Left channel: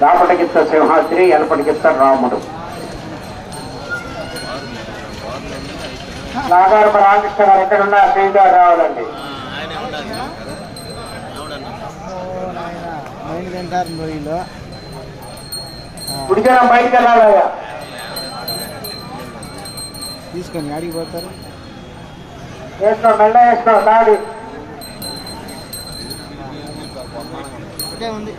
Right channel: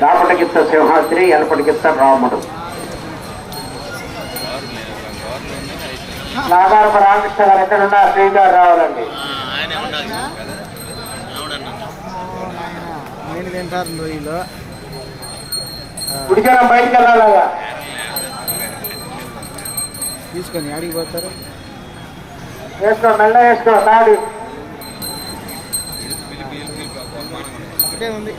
దాపటగిత్త సింహాద్రి ఎనపటిగిత్త రాముడు. నాగారప రామకృష్ణ గారు ఎక్కడున్నా శ్రీగారు రావాలండి. గుడికరం బయటికి వెళ్ళాలయ్యా. తీసుకొని అడిగి పోతారు? వేసుకో మెల్ల వేసుకో తాడి. ఒకటే ఉంది.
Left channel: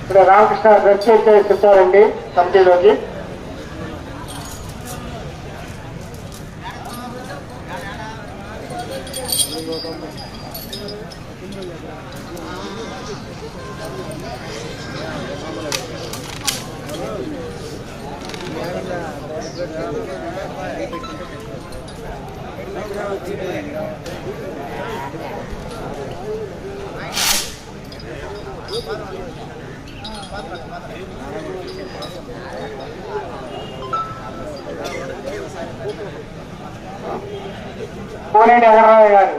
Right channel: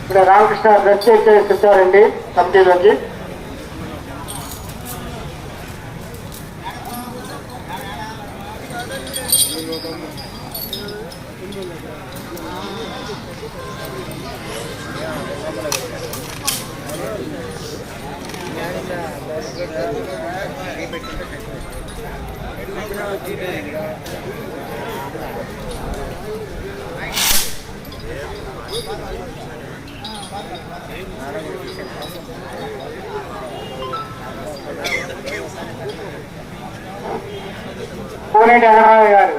ఇప్పుడు రామకృష్ణ డ్రెస్ కమిటీలోకి కోనేటి అగరరావు గారు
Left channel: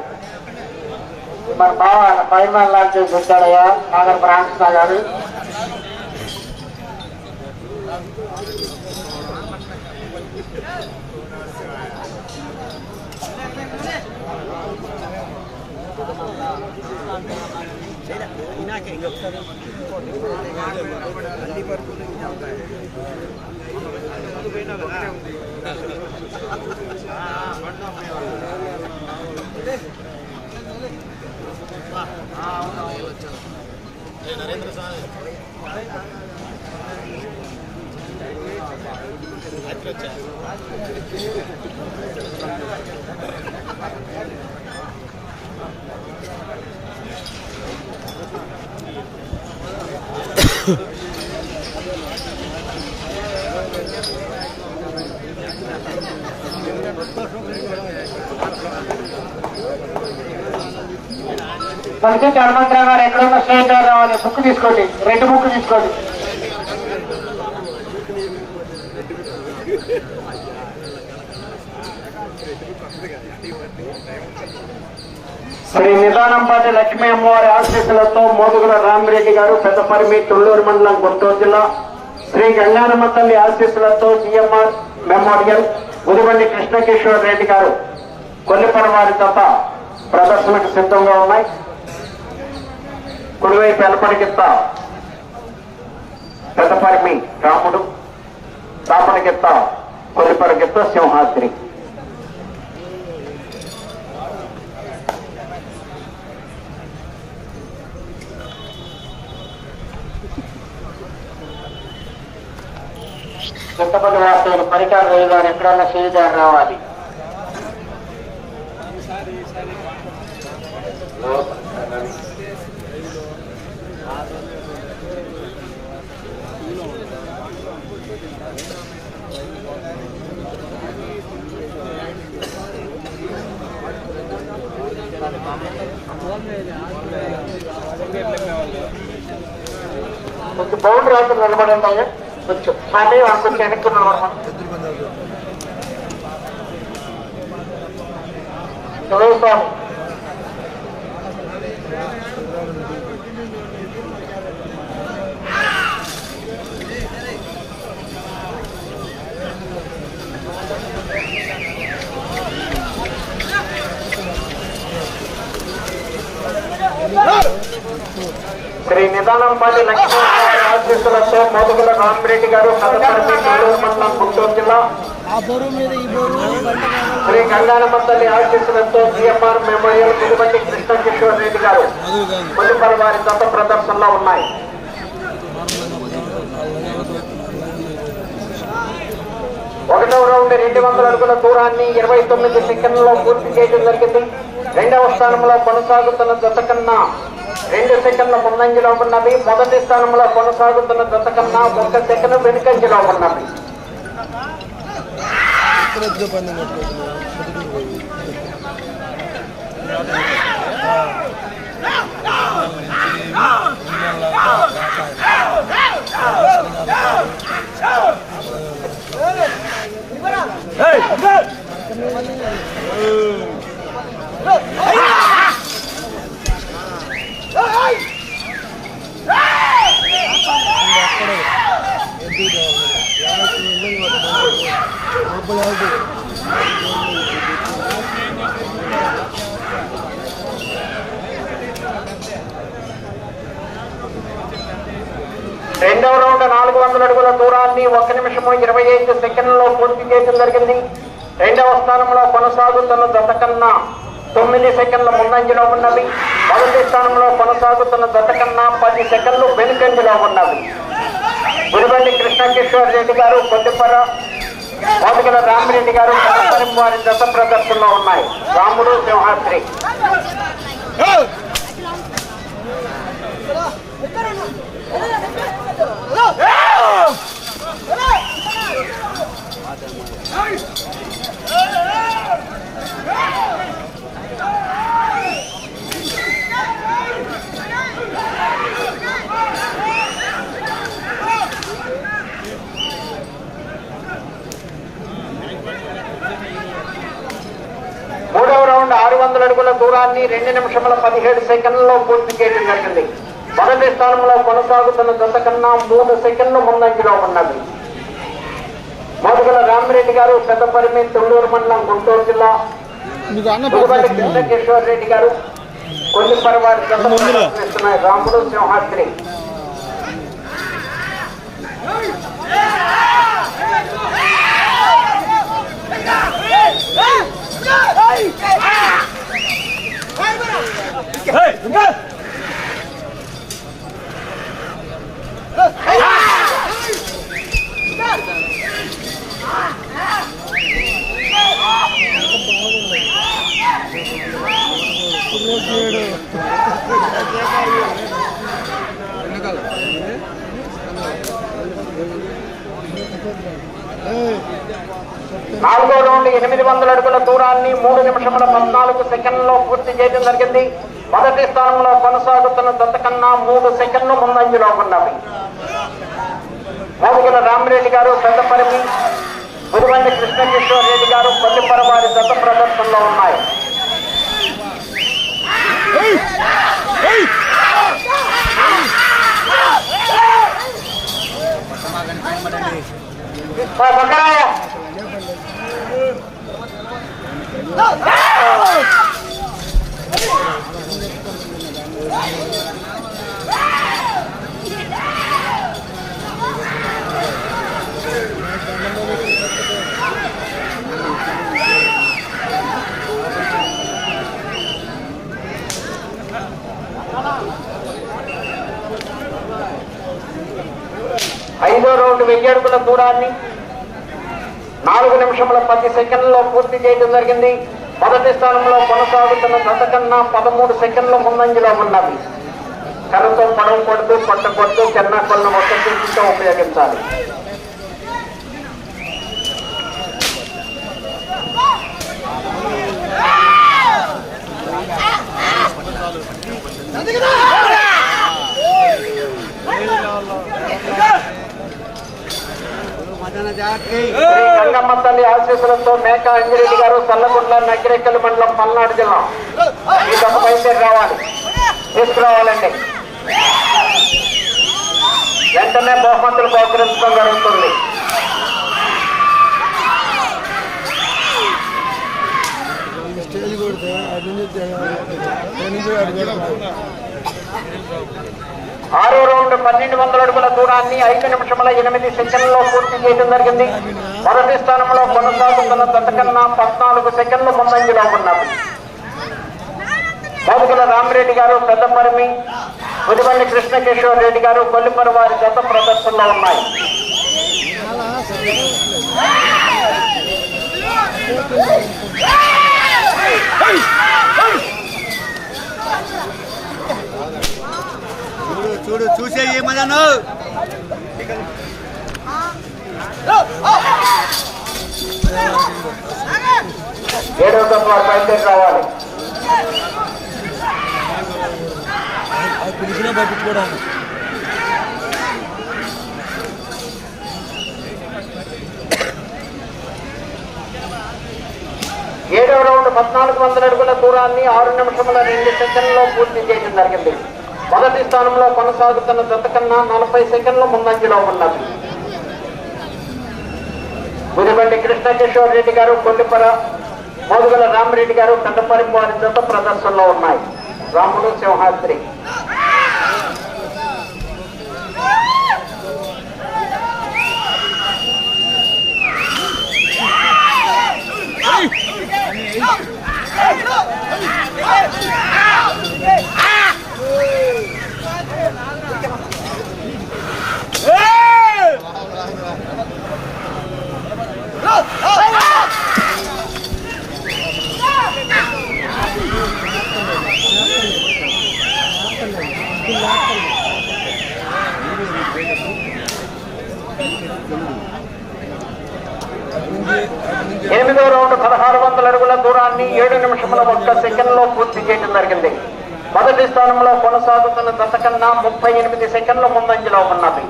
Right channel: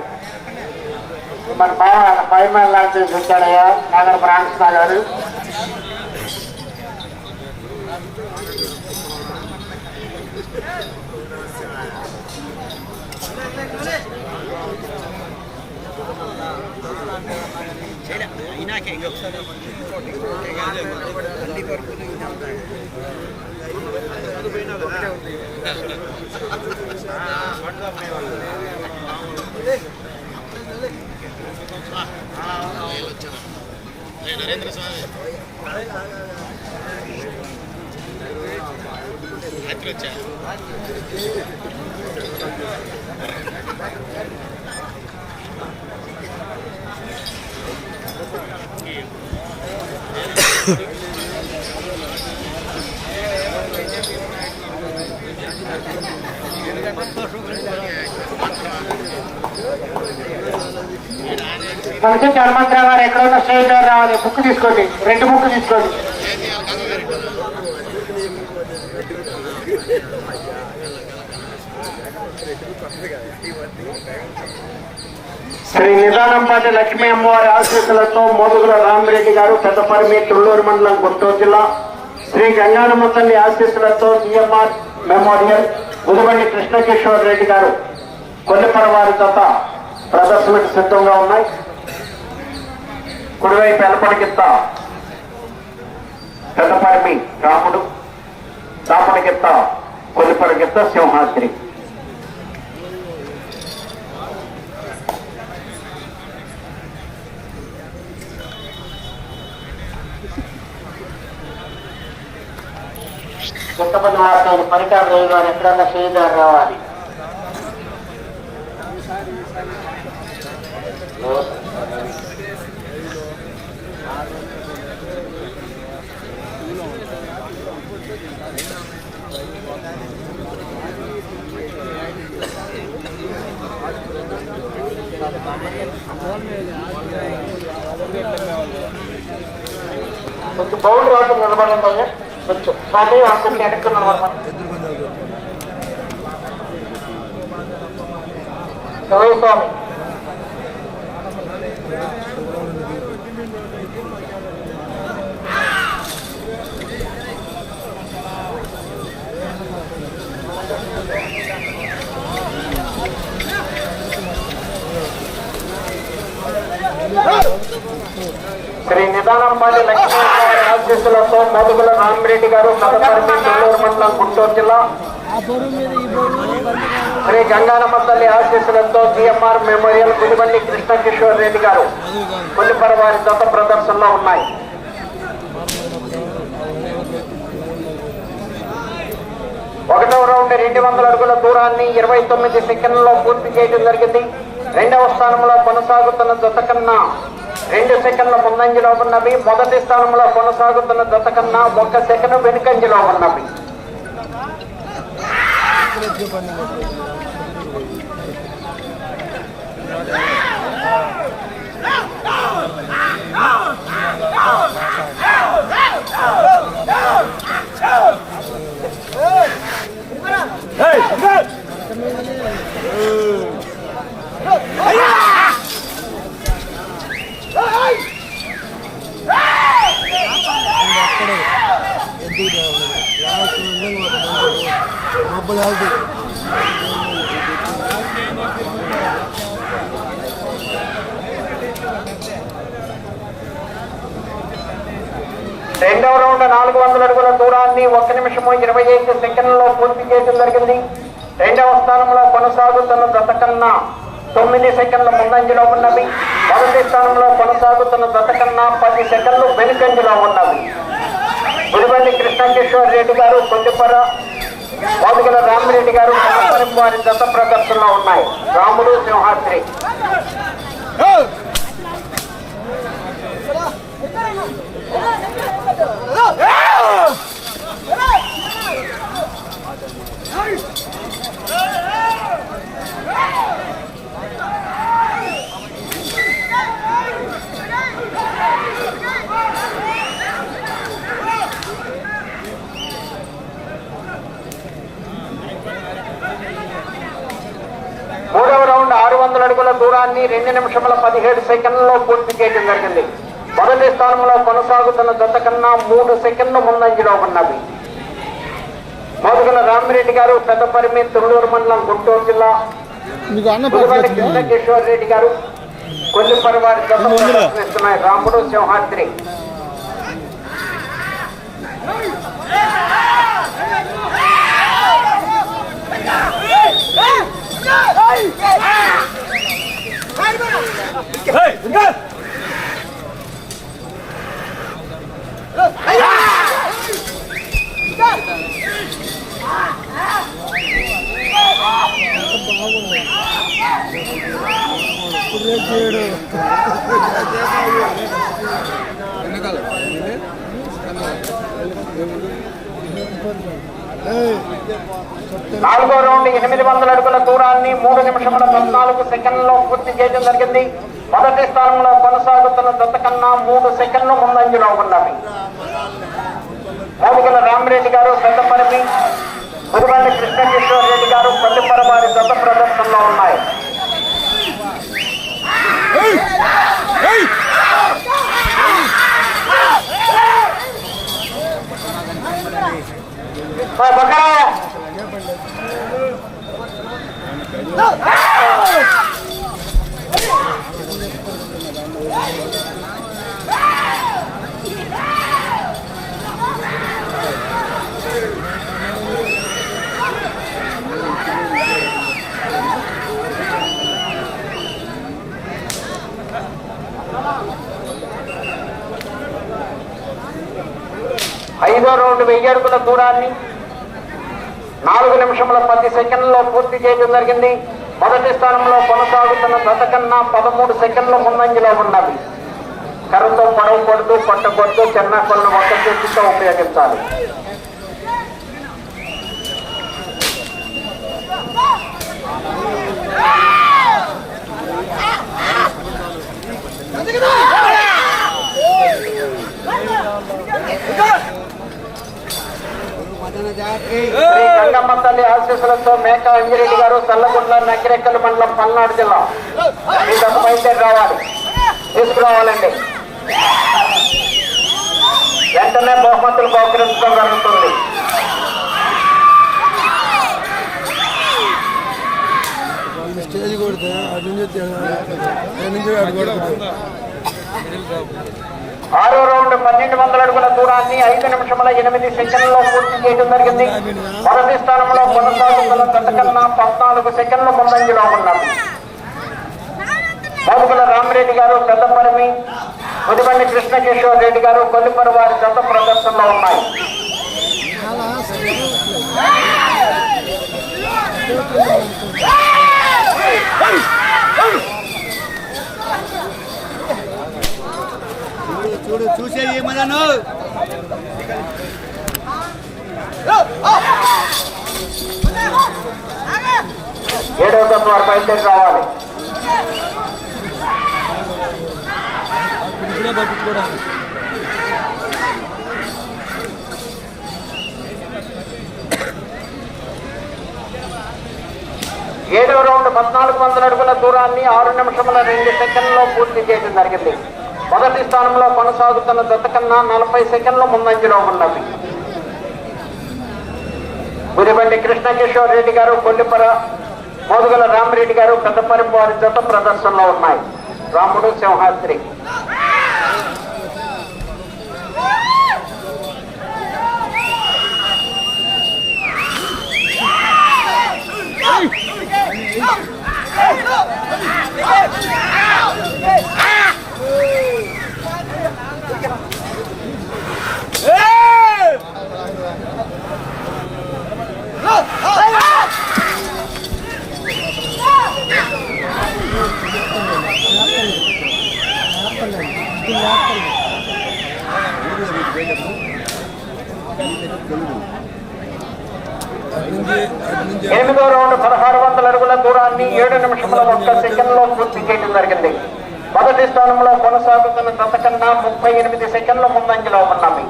మన బావ పైన లాంచ్ చేసి వచ్చాడయ్యా నాగర్ రామకృష్ణ గారు రాత్రి వచ్చా మనకి హనుమంతరావు గారు ఎక్కడున్న స్టేట్ గారు రావాలి. బుక్ తీసుకోండి. రెండు బుక్ తీసుకోండి. శ్రీ నిదానంపాటి లక్ష్మీ అమ్మవారి ఆశీస్సులతో మోదుగుల రామిరెడ్డి గారు పెద్దపరిమి తుళ్ళూరు మండలం గుంటూరు జిల్లా శ్రీ గంగారమ్మ తల్లి ఆశీస్సులతో సిఎంఆర్ మెమోరియల్ ఉదిబండి కృష్ణకిషోర్ రెడ్డి గారు కొల్లిపన వారి జత ప్రదర్శనకు సిద్ధంగా ఉన్నాయి. కుడివైపు ఎలపటికిత్త పెద్దపరిమి రాముడు దాపటికిత్త కొల్లిపరకిత్త సింహాద్రి. చింతపల్లి వార్తలు పరికార రేగారు ఎక్కడన్నా చేయదారు రావాలి. కొంచెం బౌండరీ రాత్రి నిలబడండి అయ్యా కొంచెం స్వామి కొంచెం వెనక్కి నిలబడమని శివయ్య స్వామి శ్రీ నిదానంపాటి లక్ష్మీ అధ్యక్షులతో మోదుగుల నామిరెడ్డి గారు మండలం గుంటూరు జిల్లా. శ్రీ గంగారమ్మ తల్లి ఆశీస్సులతో జిఎంఆర్ మెమోరియల్ గుడిబండి కృష్ణ కిషోర్ రెడ్డి గారు మునిపర వారి గత ప్రదర్శనలో ఉన్నాయి. ఒకటవ రౌండ్ రెండు వందల అడుగుల దూరాన్ని ఇరవై తొమ్మిది సెకండ్లలో పూర్తి చేయడం జరిగింది. రెండవ స్థానంలో కొనసాగుతున్న జత కన్నా రెండు సెకండ్ల ముందంజలో ఉన్నవి. మొదటి స్థానంలో కొనసాగుతున్న జత కన్నా ఒక్క సెకండ్ వెనుకంజలో ఉన్నవి. రెండవ రౌండ్ నాలుగు వందల అడుగుల దూరాన్ని ఒక్క నిమిషము ఇరవై ఐదు సెకండ్లలో పూర్తి చేయడం జరిగింది. రెండవ స్థానంలో కొనసాగుతున్న జత కన్నా తొమ్మిది సెకండ్ల ముందంజలో ఉన్నవి మొదటి స్థానంలో కొనసాగుతున్న జత కన్నా పది సెకండ్లు వెనుకంజలో ఉన్నవి గురిబండి కృష్ణకిషోర్ రెడ్డి గారు కొద్దిపర మోదుగల రామిరెడ్డి గారు వారి దశ ప్రదర్శనలో ఉన్నాయి రాముడు సింహాద్రి Oh! రౌండ్ ఆరు వందల అడుగుల దూరాన్ని రెండు నిమిషముల పదిహేడు సెకండ్లలో పూర్తి చేయడం జరిగింది మొదటి స్థానంలో కొనసాగుతున్న జత కన్నా మూడు సెకండ్లు ముందంజలో ఉన్నది మోదుగుల రామిరెడ్డి గారు పెద్దపరిమి తుళ్ళూరు మండలం గుంటూరు జిల్లా కృష్ణకిషోర్ రెడ్డి గారు కొల్లిపరి వారి Ramudu Simhadri Let's do it. నాలుగో రౌండ్ ఎనిమిది వందల అడుగుల దూరాన్ని మూడు నిమిషముల పద్నాలుగు సెకండ్లలో పూర్తి చేయడం జరిగింది మొదటి స్థానంలో కొనసాగుతున్న దత్త కన్నా మూడు సెకండ్లు ముందంజలో ఉన్నవి మోదుగల రామిరెడ్డి గారు పెద్దపరిమి గురువండి కృష్ణకిషోర్ రెడ్డి గారు కొల్లిపర వారి దత్త ప్రదర్శనలో ఉన్నాయి ఐదో రౌండ్ వెయ్యి అడుగుల దూరాన్ని నాలుగు నిమిషముల పది సెకండ్లలో పూర్తి చేయడం జరిగింది. మొదటి స్థానంలో కొనసాగుతున్న గత కన్నా పదమూడు సెకండ్ల ముందంజలో ఉన్నది. కర్రతో పొడవు కొడుతూ పట్టకొడుతూ చెన్నా కొలను మొత్తం చేతితో ఉపయోగించాలి. శ్రీ గంగమ్మ తల్లి ఆశీస్సులతో మేక అంజిరెడ్డి గారు సల్లగుండ్ల నకిరెక్కల మండలం పల్నాడు జిల్లా బయలుదేరి రావాలి తీసుకురావాలండి వెంటనే బహుమతులు బహుకరించడం జరుగుతుంది స్టేజ్ కొడితే అది నుంచి అది నుంచి ఆరో రౌండ్ పన్నెండు వందల అడుగుల దూరాన్ని ఐదు నిమిషముల ఎనిమిది సెకండ్లో పూర్తి చేయడం జరిగింది. మొదటి స్థానంలో కొనసాగుతున్న గతకన్నా పద్నాలుగు సెకండ్లు ముందంజలో ఉన్నది మోదుగుల రామిరెడ్డి గారు పెద్దపరిమి ముదిబండి కృష్ణకిషోర్ రెడ్డి గారు కొల్లిపరి వారి గత ప్రదర్శనలో ఉన్నాయి. Hey! చూడు చూసే ఏమన్నాను ఏడవ తత్వ వారు రావాలి ఏడవ రౌండ్ పద్నాలుగు వందల అడుగుల దూరాన్ని ఆరు నిమిషముల రెండు సెకండ్లో పూర్తి చేయడం జరిగింది. మొదటి స్థానంలో కొనసాగుతున్న జత కన్నా నలభై సెకండ్ల ముందంజలో ఉన్నది గుడిబండి కృష్ణకిషోర్ రెడ్డి గారు కొల్లిపర మోదుగల రామరెడ్డి గారు పెద్దపరిపు వారి జత ప్రదర్శనలో ఉన్నాయి రాముడు సింహాద్రి ఎనిమిదో రౌండ్ పదహారు వందల అడుగుల దూరాన్ని ఏడు నిమిషముల ఒక్క సెకండ్లో పూర్తి చేయడం జరిగింది. మొదటి స్థానంలో కొనసాగుతున్న జత కన్నా ముప్పై ఎనిమిది సెకండ్ల ముందంజలో ఉన్నవి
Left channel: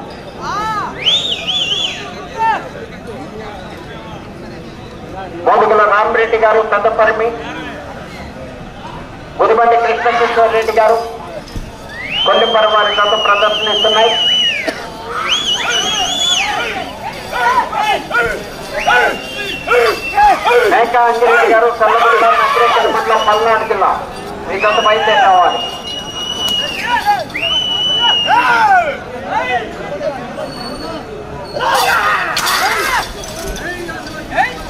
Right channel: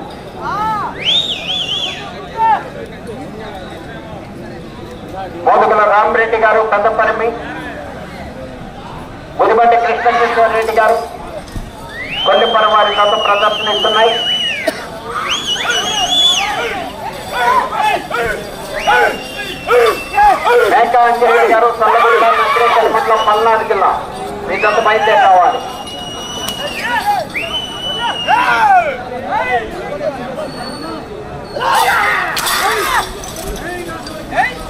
మోదుగుల రామరెడ్డి గారు పెద్దపరిమి గుడిబండి కృష్ణకిషోర్ రెడ్డి గారు కొల్లిపర వారి జత ప్రదర్శనిస్తున్నాయి. మేకా అంజలి గారు కర్ణాటక జిల్లా. మీకంత బయలుదేరి రావాలి Hey!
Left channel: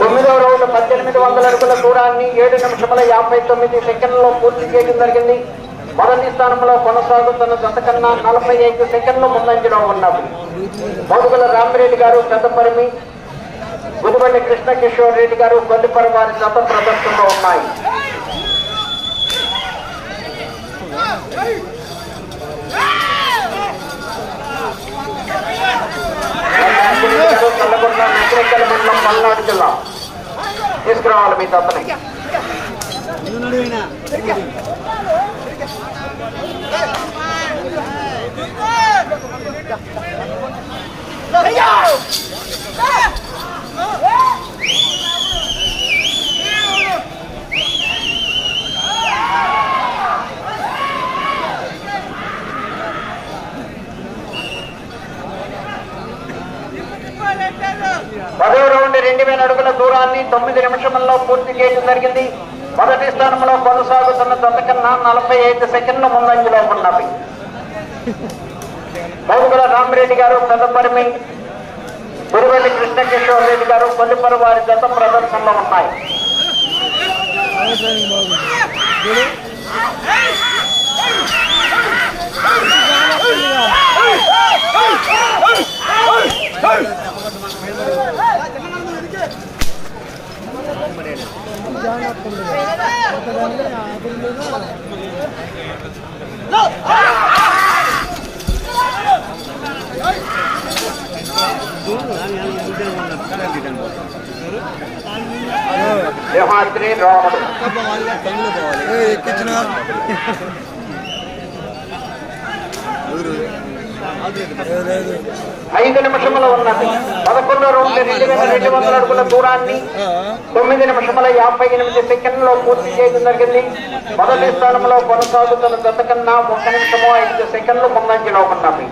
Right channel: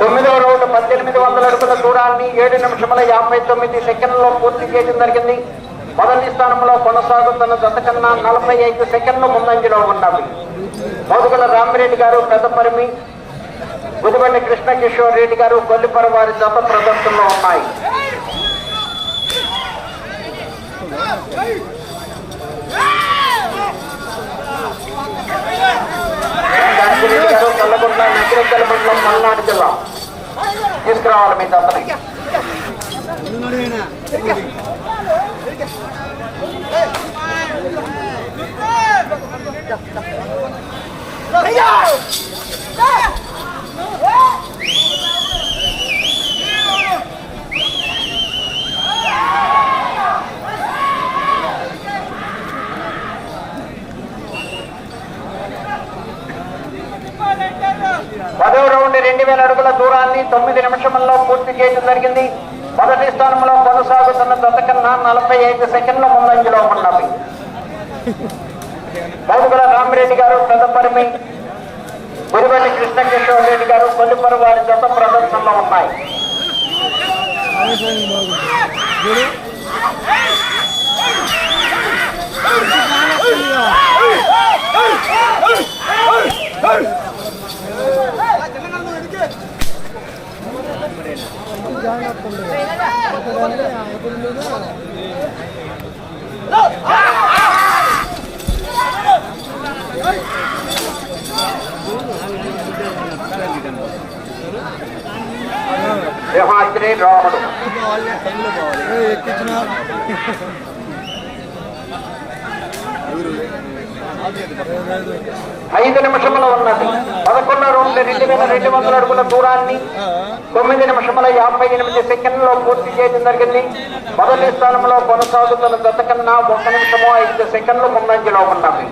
తొమ్మిదవ రౌండ్ పద్దెనిమిది వందల అడుగుల దూరాన్ని ఏడు నిమిషముల యాభై తొమ్మిది సెకండ్లలో పూర్తి చేయడం జరిగింది. మొదటి స్థానంలో కొనసాగుతున్న జత కన్నా నలభై ఐదు సెకండ్లు ముందంజలో ఉన్నారు మోదుగుల రామిరెడ్డి గారు పెద్దపరిమి గుదిబండి కృష్ణకిషోర్ రెడ్డి గారు కొల్లిపర వారి జత ప్రదర్శనలో ఉన్నాయి. గారు తెల్లగొండ మండలం మల్నాడు జిల్లా. తీసుకురావాలి మీ జతని పదవ తొమ్మిది నిమిషముల్లో పూర్తి చేయడం జరిగింది. మొదటి స్థానంలో కొనసాగుతున్న జత కన్నా నలభై ఐదు సెకండ్ల ముందంజలో ఉన్నవి. మౌదుగుల రామిరెడ్డి గారు పెద్దపరిమి గురివెల్లి కృష్ణకిషోర్ రెడ్డి గారు కొల్లిపర వారి జత ప్రదర్శనలో ఉన్నాయి. Oh! ఐదు నిమిషముల ఉన్నది. పదకొండు రెండు రెండు వేల రెండు వందల అడుగుల దూరాన్ని తొమ్మిది నిమిషముల యాభై ఎనిమిది సెకండ్లలో పూర్తి చేయడం జరిగింది. మొదటి స్థానంలో కొనసాగుతున్న జత కన్నా ఒక్క నిమిషము ఐదు సెకండ్లు ముందంజలో ఉన్నవి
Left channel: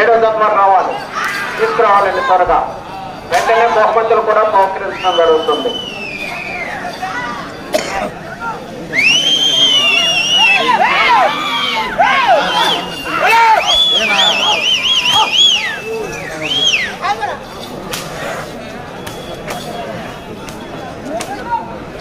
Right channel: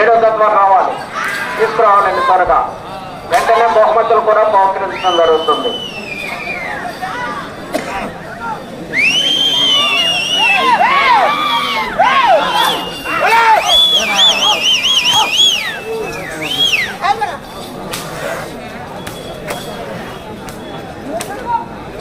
ఏడో తత్వం రావాలి. తీసుకురావాలండి త్వరగా. వెంటనే బహుమతులు కూడా బహుకరించడం జరుగుతుంది.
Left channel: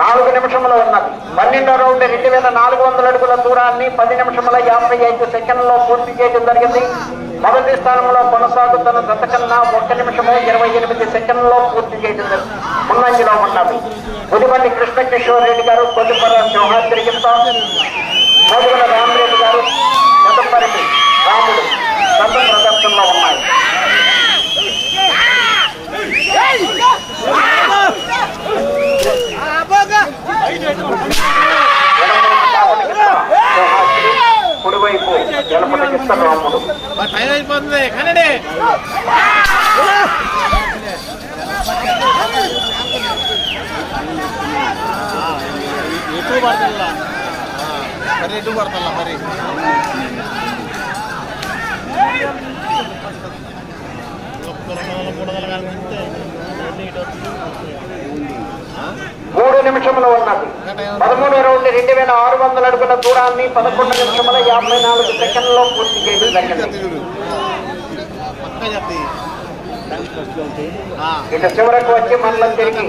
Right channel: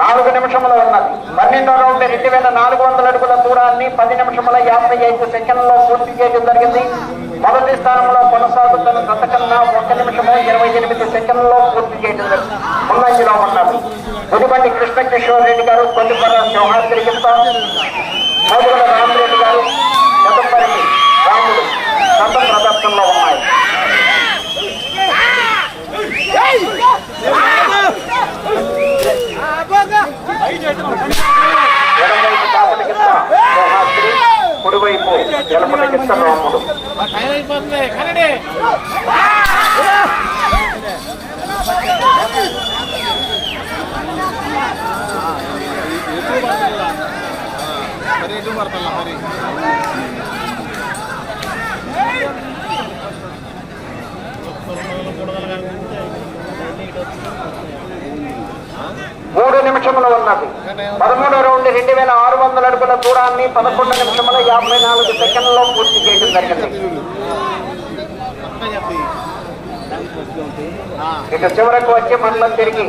నాలుగు నిమిషంలో ఉన్నది. పన్నెండో రౌండ్ రెండు వేల నాలుగు వందల అడుగుల దూరాన్ని పది నిమిషముల యాభై ఐదు సెకండ్లలో పూర్తి చేయడం జరిగింది. మొదటి స్థానంలో కొనసాగుతున్న గత కన్నా ఒక్క నిమిషము ఇరవై ఎనిమిది సెకండ్లలో పూర్తి చేయడం జరిగింది. ముందంజలో ఉన్నది. గుడిబండి కృష్ణ కిషోర్ రెడ్డి గారు కొల్లిపర జవహర్ తిరిగింత మోదుగల రామరెడ్డి గారు గతపరిమి రాముడు గత ప్రదర్శనలో ఉన్నాయి. Hey! కావలికి జవహర్ కుడివైపు. ఎడపటికి రాముడు అయిపోతుంది కన్నడి ఎక్కువ పడుతుందా ఎక్కువ పడుతుందా మరి నిమిషంలో ఉన్నది. పదమూడవ రౌండ్ రెండు వేల ఆరు వందల అడుగుల దూరాన్ని పదకొండు నిమిషముల యాభై నాలుగు సెకండ్లలో పూర్తి చేయడం జరిగింది. ఇక ఇటు చివరకు వచ్చి మండలం తిరిగి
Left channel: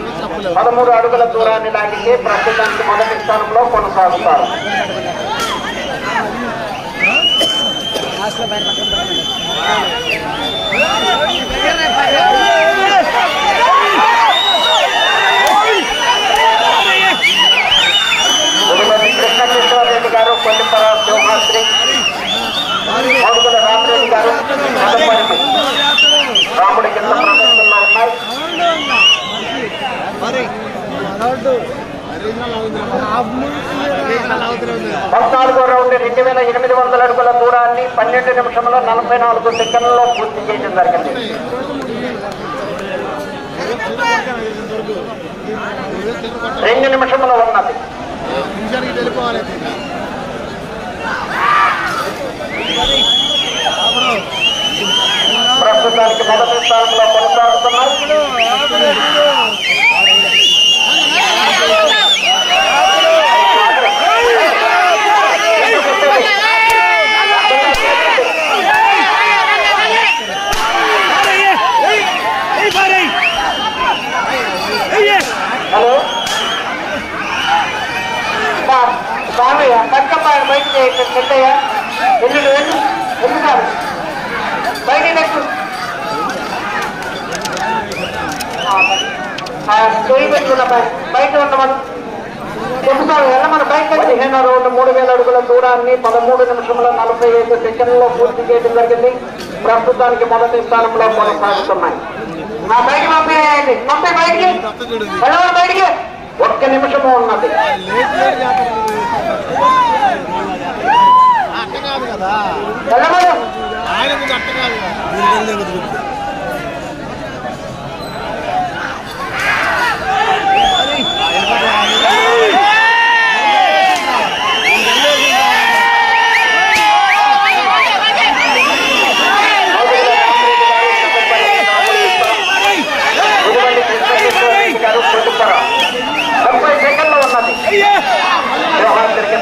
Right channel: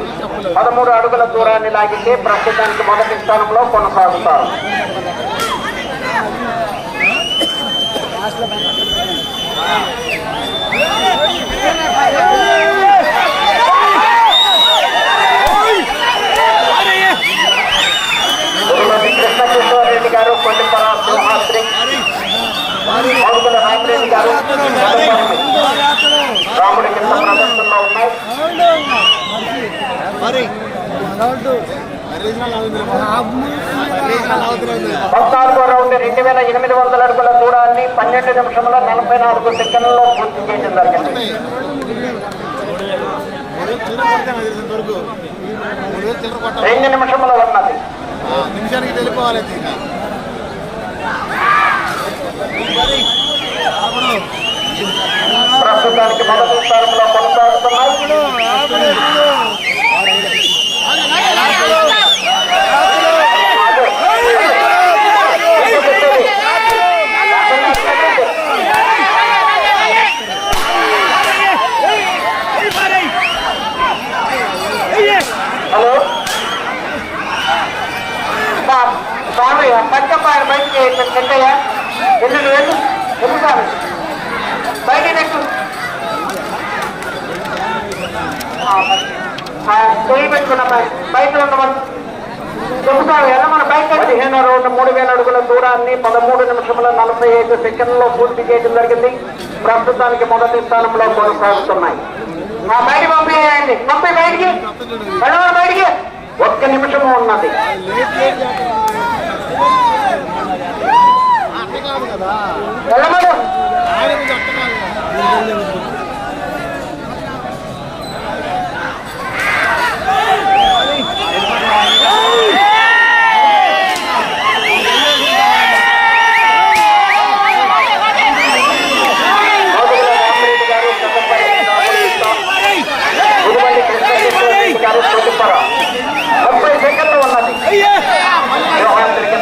పదమూడు అడుగుల దూరాన్ని లాగితే ప్రస్తుతానికి మొదటి స్థానంలో కొనసాగుతారు గురుమతి కృష్ణకిషోర్ రెడ్డి గారు కొల్లిపర సింహాద్రి మరుగుల రామరెడ్డి రాముడి కింద ప్రదర్శనలో ఉన్నాయి. పద్నాలుగో రౌండ్ రెండు వేల ఎనిమిది వందల అడుగుల దూరాన్ని పన్నెండు నిమిషముల నలభై నాలుగు సెకండ్లలో పూర్తి చేయడం జరిగింది. రెండు నిమిషముల ఉన్నది. నిమిషానికి వెళ్ళిపోవాలి ప్రస్తుతానికి మొదటి స్థానంలో కొనసాగుతున్నాయి హలో స్వామి పక్క బయటికి చెట్టయ్యా వెళ్ళు వెళ్ళు వెళ్ళు స్వామి బయట నెట్టు చేయి పెట్టుకున్న బయట బయట ఉండమని చెబుతాను వెళ్ళమని బ్యాంక్ పదిహేను రెండు మూడు వేల అడుగుల దూరాన్ని పదమూడు నిమిషముల నలభై ఐదు సెకండ్లలో పూర్తి చేయడం జరిగింది. ప్రస్తుతానికి మొదటి స్థానంలో కొనసాగుతున్నాయి. ఆ బయట పంపేయండి పంపే బయటికి. వెళ్ళమని బయటికి? ఒక్క నిమిషము ఉన్నది. అట్ట కాదు కదా వెళ్ళమను ఆయన మీద అట్ట కాదు కదా. ముప్పై సెకండ్లు ఉన్నది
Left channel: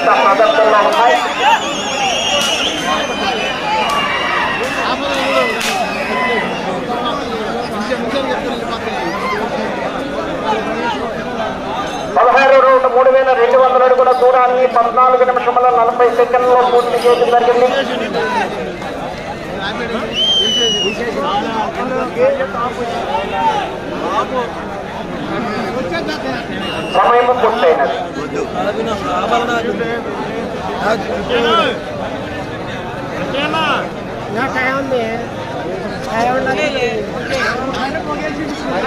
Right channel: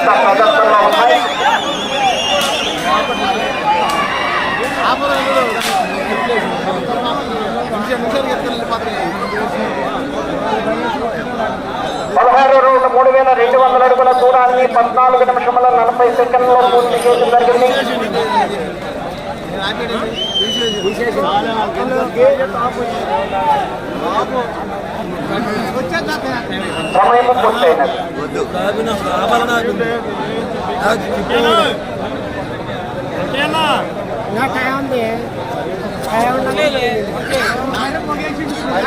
వ్యవహారం ప్రదర్శనలో ఉన్నాయి. పదహారు రెండు మూడు వేల రెండు వందల అడుగుల దూరాన్ని పద్నాలుగు నిమిషముల నలభై సెకండ్లో పూర్తి చేయడం జరిగింది. సమయము పూర్తయినది.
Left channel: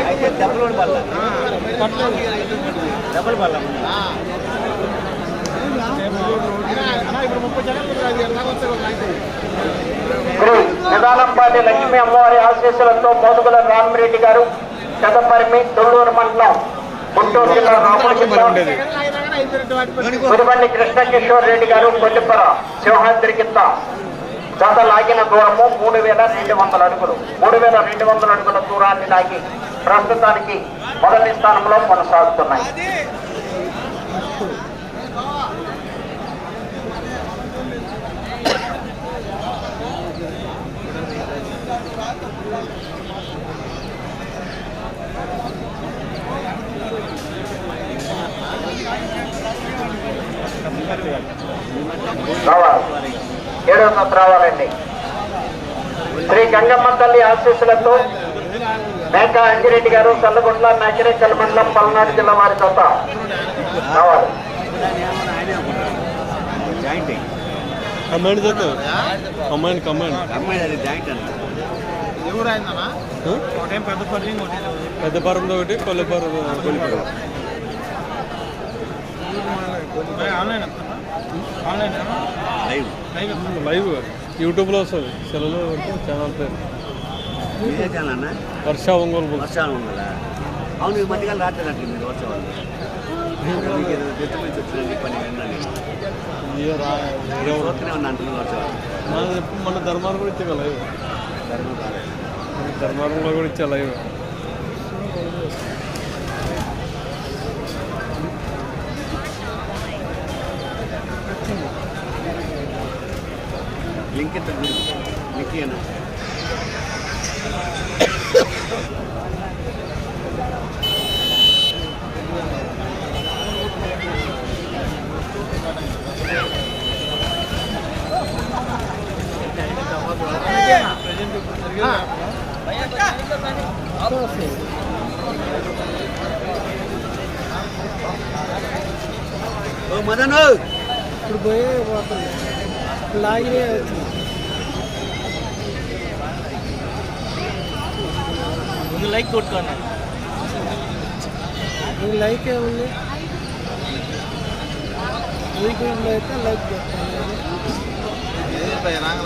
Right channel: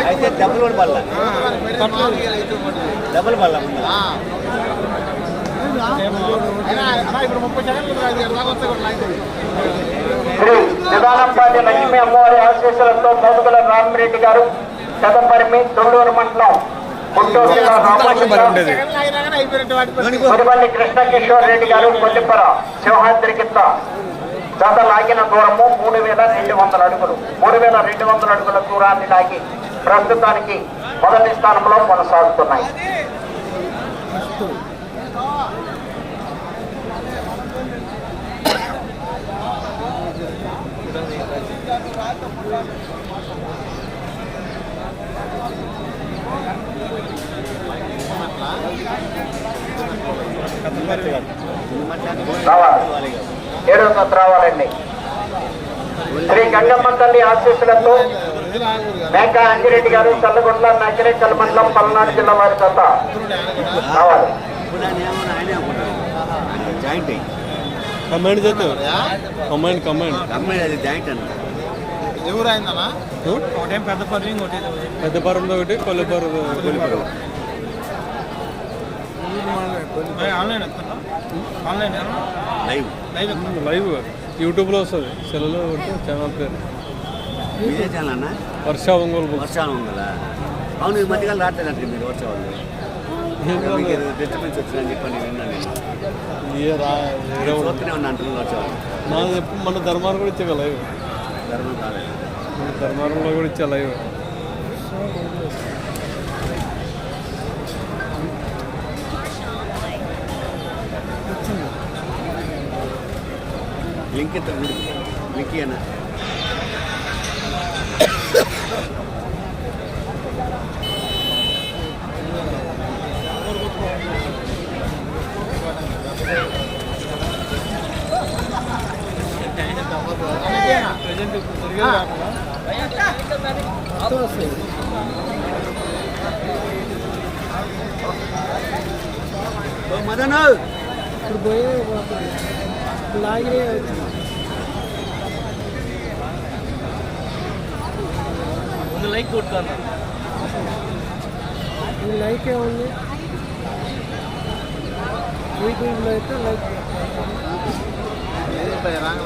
అయితే డబ్బులు కూడా డబ్బులు పడలే. ఇప్పుడు ముప్పై శ్రీ నిదానంపాటి లక్ష్మీ అమ్మవారి ఆశీస్సులతో మోదుగుల రామిరెడ్డి గారు కదపరిమి తొల్లూరు మండలం గుంటూరు జిల్లా రాముడి జిల్లా. మురిబండి కృష్ణకిషోర్ రెడ్డి గారు కొల్లిపర సింహాద్రి కింద జత లాగిన దూరము మూడు వేల రెండు వందల అడుగులు. మూడు వేల రెండు వందల అడుగుల దూరాన్ని లాగి ప్రస్తుతానికి మొదటి స్థానంలో కొనసాగుతున్నాయి. రావాలి రావాలండి. శ్రీ గంగమ్మ తల్లి ఆశీస్సులతో మేకా అంజిరెడ్డి గారు చల్లగుంట్ల నకిరేకల్ మండలం పల్నాడు జిల్లా వారి సొంత రావాలి. జాయింట్ కమాండ్ చేద్దాం కమాండ్ కమాండ్ అమ్మాయి అది జాయింట్ అని ఎవరు అయిందన్నా పెద్ద పని పెద్ద పరంలో ఒకటి కొల్లపరం ఒకటి. లైవ్. లైవ్ యూట్యూబ్లో వస్తుంది. సెలలో ఛానల్ పేరు. వర్ష ఒంగోలు ఉందా అవును ఈ మధ్యకాలం రావట్లేదంటే మీరు ఎప్పుడు మన ధర్మారం కూడా ఇచ్చా లైవ్. మన ధర్మారంలో కూడా ఇచ్చా లైవ్. లింక్ ఎంత లింక్ అన్న మదన్ ఇప్పుడు లైక్ కొట్టుకున్నాను. ఈ లైక్ ఏముంది? యూట్యూబ్లో అయితే లైక్ రాంగ్